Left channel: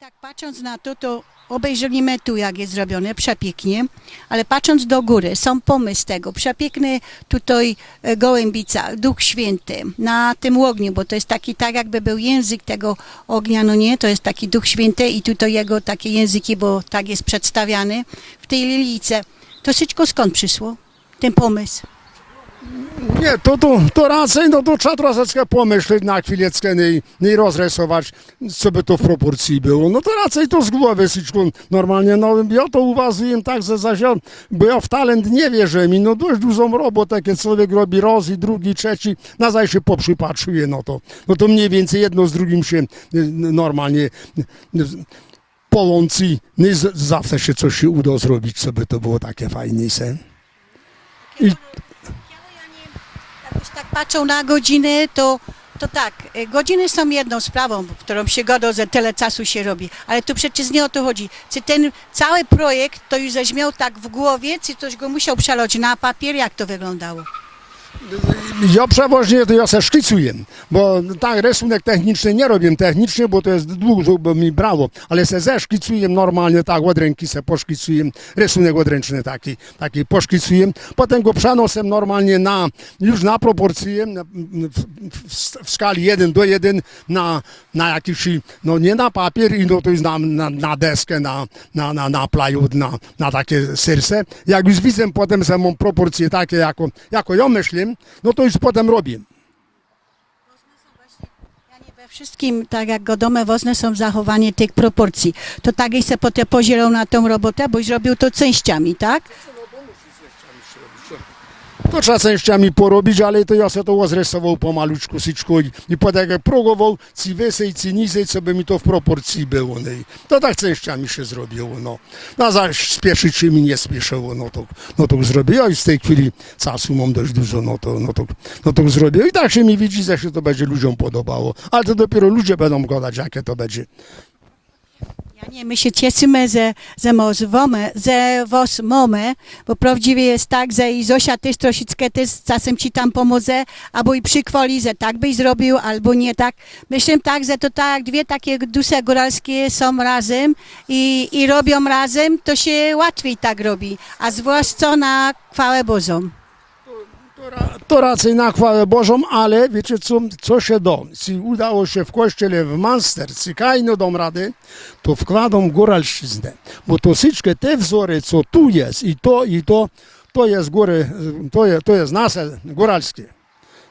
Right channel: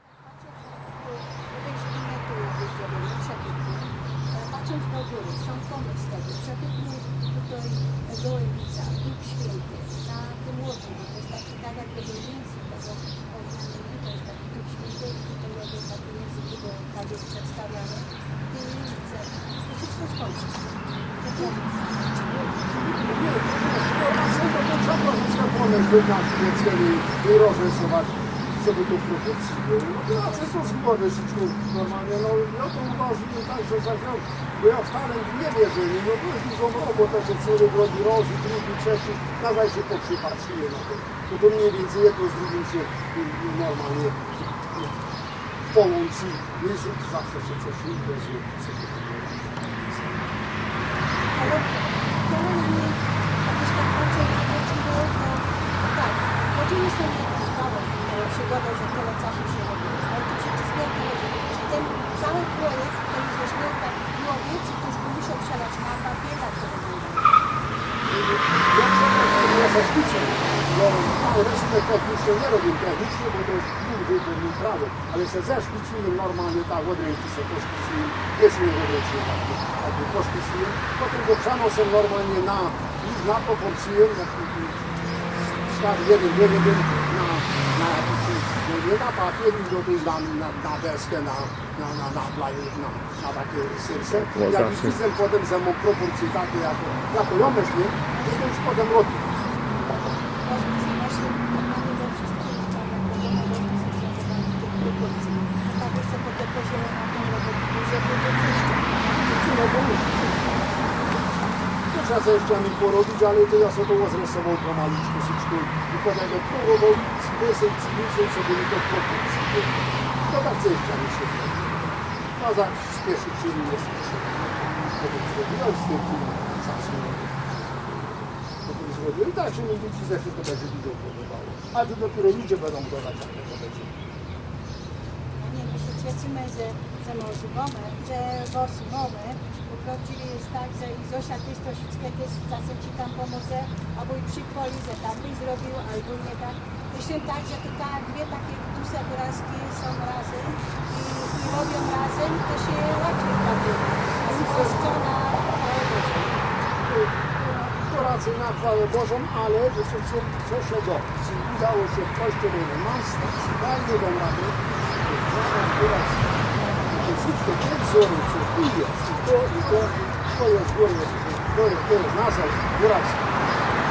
tak patrząc na to, to obejrzymy tu, jak jest zrobione, przepięknie, ale patrząc do góry, są pomysł tego, przepiękny tutaj e, gołębica, Duch Święty na tym ogniu, bo to jest taki, tak jakby był język tego ognia, no nie, to jest taki Duch Święty i tutaj jego takie języki, bo tak jest przedstawiany w tej lilijce. To wszystko skąd przyszło, ten pomysł? Nie, to, to, to raczej, no to trzeba troszeczkę pomyśleć na chwileczkę i, i rozrysować, co by to w proporcji było. No to raczej to z głowy wszystko normalnie, no ja to uważam tak, że ja, bo ja w talent nie wierzę mi, no dość dużą robotę, kiedy człowiek robi raz i drugi, trzeci, na zaś się poprzypatrzyje, no to, no to mniej więcej jedno z drugim się y, normalnie y, połączy, no i zawsze się coś się uda zrobić, co by to było takie sen. Jak tak patrzą na godziny, to, to tak, e, godziny są jedną sprawą, którą się godą, że tyle czasu się robi, ale to przecież nie o to chodzi. Czy ten cały projekt to już żeś miał tak w głowie, czy ktoś go musiał przeloć na papier, jak to wyglądało? Ja przeważnie to ja se szkicuję, bo tak rysunek techniczny nie robię technicznie, bo to jest dużo, bo mi brało, ale se zeszkicuję normalnie, tak od ręki se poszkicuję, rysunek odręczny taki, taki poszkicuję, potem go przenoszę normalnie na, już na proporcje, w- skali 1 do 1 na, na jakiś, no nie na papier, i no to jest na, na, na deskę, na, na, na, na plywood, na, na takie serce. Jak już widzę potem, że mam proporcje takie, jako, jako ja myślę, no to już potem robię. Wszystkim, tak jak godome wozne są zachowanie tych proporcji. To tak i se potem podzielą na tą robotę, bo zrobił to częściami, tak? To trzeba częściami porobić, ale to ja sobie to zrysował pomaluczku, syczku i, potem jak próbował, ci wysej, ci nisej, co by mi to w proporcji było. No. To tak częściami się zrobiło. No. No zaś spieszyć się mi nie spieszyło, no to, no to zrobiłem i w tej chwili czasu mam dość dużo, no to, no to, no to zrobię. I tak się mi widzi, że się to będzie ludziom podobało. Ale to dopiero ludzie będą gadać, jakie to będzie. My się cieszymy, że, że, wome, że was mamy, bo prawdziwie jest tak, że i Zosia też troszeczkę też czasem ci tam pomoże, albo i przykłoli, że tak byś zrobił, albo nie tak. Myślę tak, że to tak dwie takie dusze góralskie są razem i, i robią razem, to się łatwiej tak robi, a zwłaszcza na chwałę Bożą. To raczej na chwałę Bożą, ale wiecie co, co się do? Udało się w kościele w Manster, ci kajno dom rady, to wkładą góralszczyznę. Bo wszystkie te wzory, co tu jest i to, i to, to jest góry, to jest, nasze góralskie.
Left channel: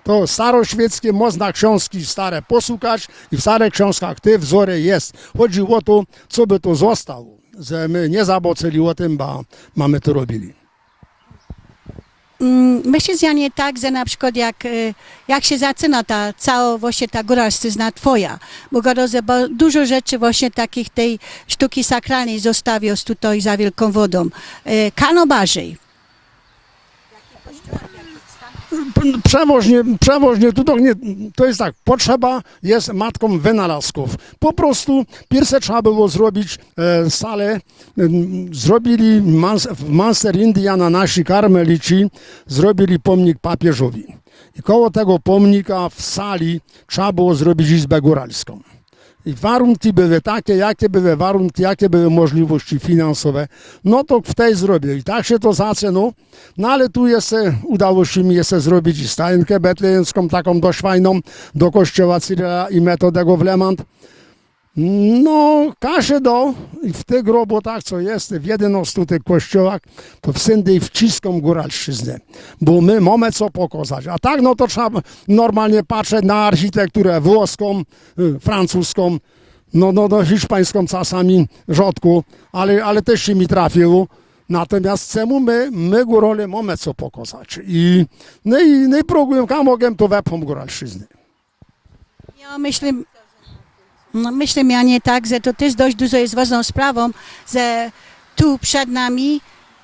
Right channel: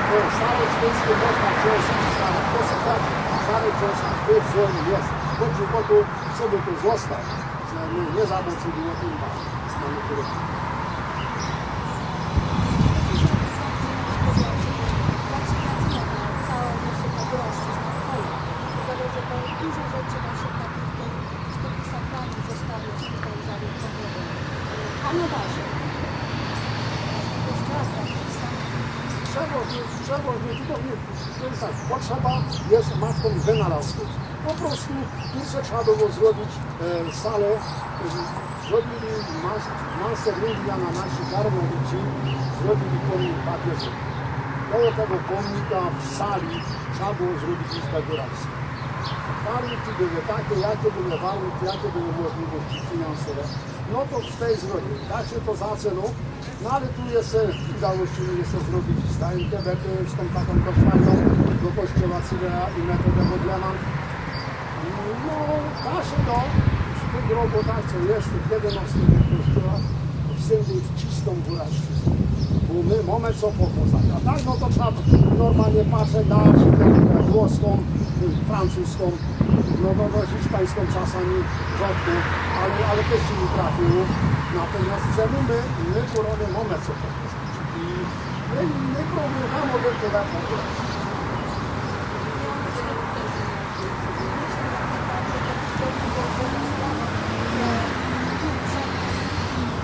To staroświeckie, można książki stare posłuchać i w starych książkach te wzory jest. Chodzi o to, co by to zostało, że my nie zaboceli o tym, bo mamy to robili. Mm, Myślę, że nie tak, że na przykład jak, e, jak się zaczyna ta cała właśnie ta góralszczyzna twoja, bo Godozę, bo dużo rzeczy właśnie takich tej sztuki sakralnej zostawił tutaj za wielką wodą. E, Kano Barzej. Przewoźnie, przewoźnie tu to, jest tak, potrzeba jest matką wynalazków. Po prostu pierwsze trzeba było zrobić e, salę, e, zrobili w Manster Indiana nasi karmelici, zrobili pomnik papieżowi. Koło tego pomnika w sali trzeba było zrobić izbę góralską. I warunki były takie, jakie były warunki, jakie były możliwości finansowe, no to w tej zrobię. I tak się to zaczęło. No ale tu jeszcze udało się mi jeszcze zrobić stajenkę betlejemską, taką dość fajną, do kościoła Cyryla i Metodego w Lemant. No, każe do w tych robotach, co jest w 11 tych kościołach, to wszędzie wciską góralszczyznę, bo my mamy co pokazać. A tak, no to trzeba normalnie patrzeć na architekturę włoską, francuską, no, no, no hiszpańską czasami rzadko, ale, ale też się mi trafiło. Natomiast czemu my, my górole mamy co pokazać. I, no i, no i próbuję, jak mogę, to wepcham góralszczyznę. Ja myślę, no myślę ja nie tak, że to też dość dużo jest ważną sprawą, że tu przed nami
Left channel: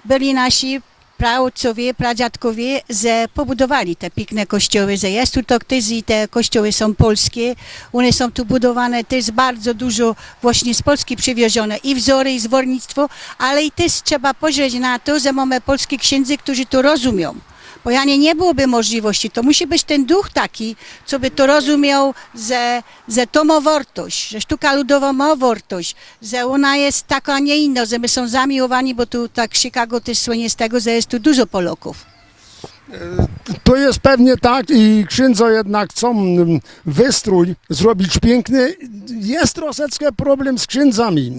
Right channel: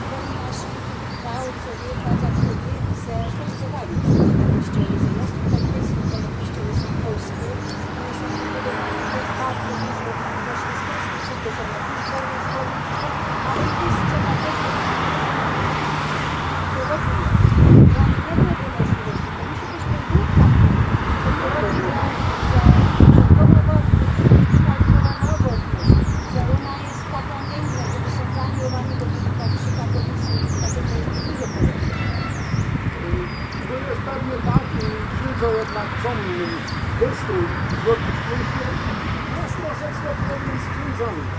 byli nasi praojcowie, pradziadkowie, że pobudowali te piękne kościoły, że jest tu ktoś i te kościoły są polskie, one są tu budowane też bardzo dużo właśnie z Polski przywiezione i wzory, i zwornictwo, ale i też trzeba spojrzeć na to, że mamy polskich księdzy, którzy to rozumią. Bo ja nie, nie byłoby możliwości, to musi być ten duch taki, co by to rozumiał, że że to ma wartość, że sztuka ludowa ma wartość, że ona jest taka, a nie inna, że my są zamiłowani, bo tu tak Chicago też słynie z tego, że jest tu dużo Polaków. To jest pewnie tak i księdza jednak chcą wystrój zrobić piękny. Jest troszeczkę problem z księdzami,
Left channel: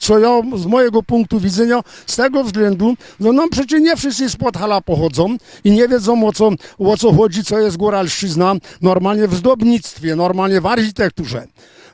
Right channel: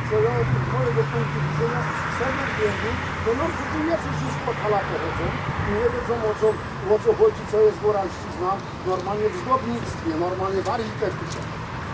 co ja z mojego punktu widzenia, z tego względu, no, no przecież nie wszyscy z Podhala pochodzą i nie wiedzą o co, o co chodzi, co jest góralszczyzna, normalnie w zdobnictwie, normalnie w architekturze.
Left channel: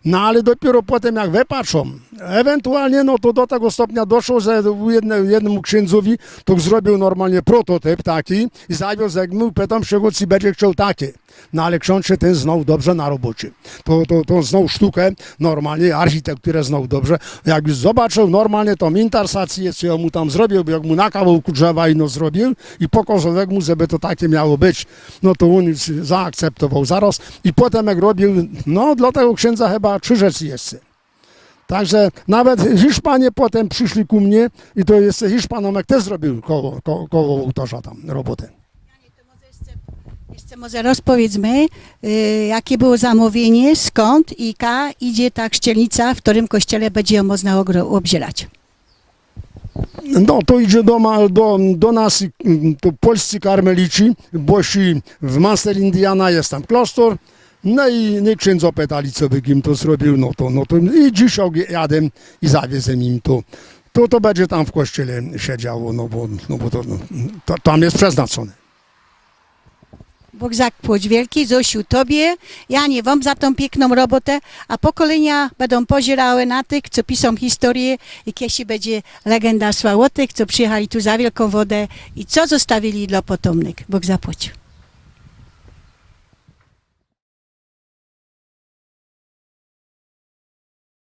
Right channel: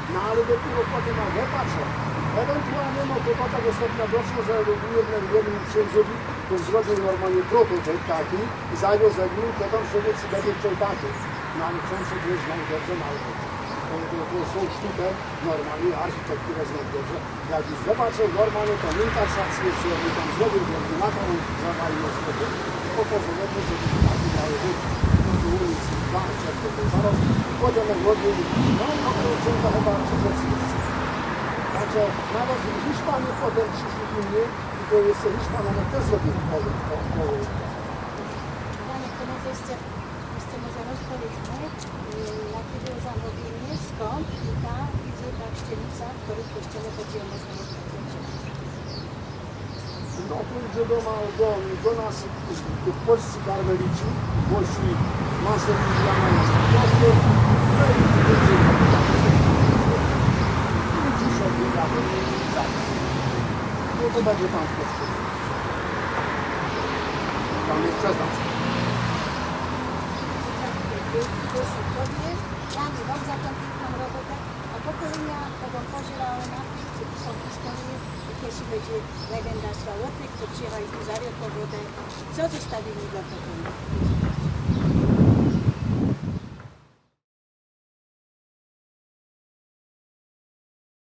No ale dopiero potem jak wypatrzą, Ewentualnie no to do tego stopnia doszło, że jedne, jednemu księdzowi to zrobił normalnie prototyp taki i zawiózł no pytam się go, czy będzie chciał takie. No ale ksiądz się ten znał dobrze na robocie. To, to, to znał sztukę, normalnie architekturę znał dobrze. Jakby zobaczył normalnie tą intersację, co mu tam zrobił, jak mu na kawałku drzewa ino zrobił i pokazał mu, żeby to takie miało być. No to on zaakceptował zaraz i potem jak robił, no dla tego księdza chyba trzy rzeczy jest. Także nawet Hiszpanie potem przyszli ku mnie i to jest Hiszpanomek też zrobił koło, koło, koło ołtarza tam roboty. Jeszcze Może rozpowiedzmy, y, jakie było zamówienie, skąd i ka idzie ta chrzcielnica, w którym kościele będzie ją można obdzielać. No to idzie do, do, do nas mm, to polscy karmelici, bosi w Master Indiana jest tam klasztor, no i no, księdza pytali, co by im to zrobił, no to, no to i obie- jadę i zawiedzę im to. To, to będzie tam w kościele siedziało, no bo, no bo to, to, tam jest przeznaczone. Bóg zapłać wielki, Zosiu Tobie, Janie Wam za tą piękną robotę, a pokolenia będą pozierały na tych, co piszą historię i kiedyś będzie legenda sła o tych, co przyjechali tu za wielką wodę i co zostawili dla potomnych. Bóg zapłacił.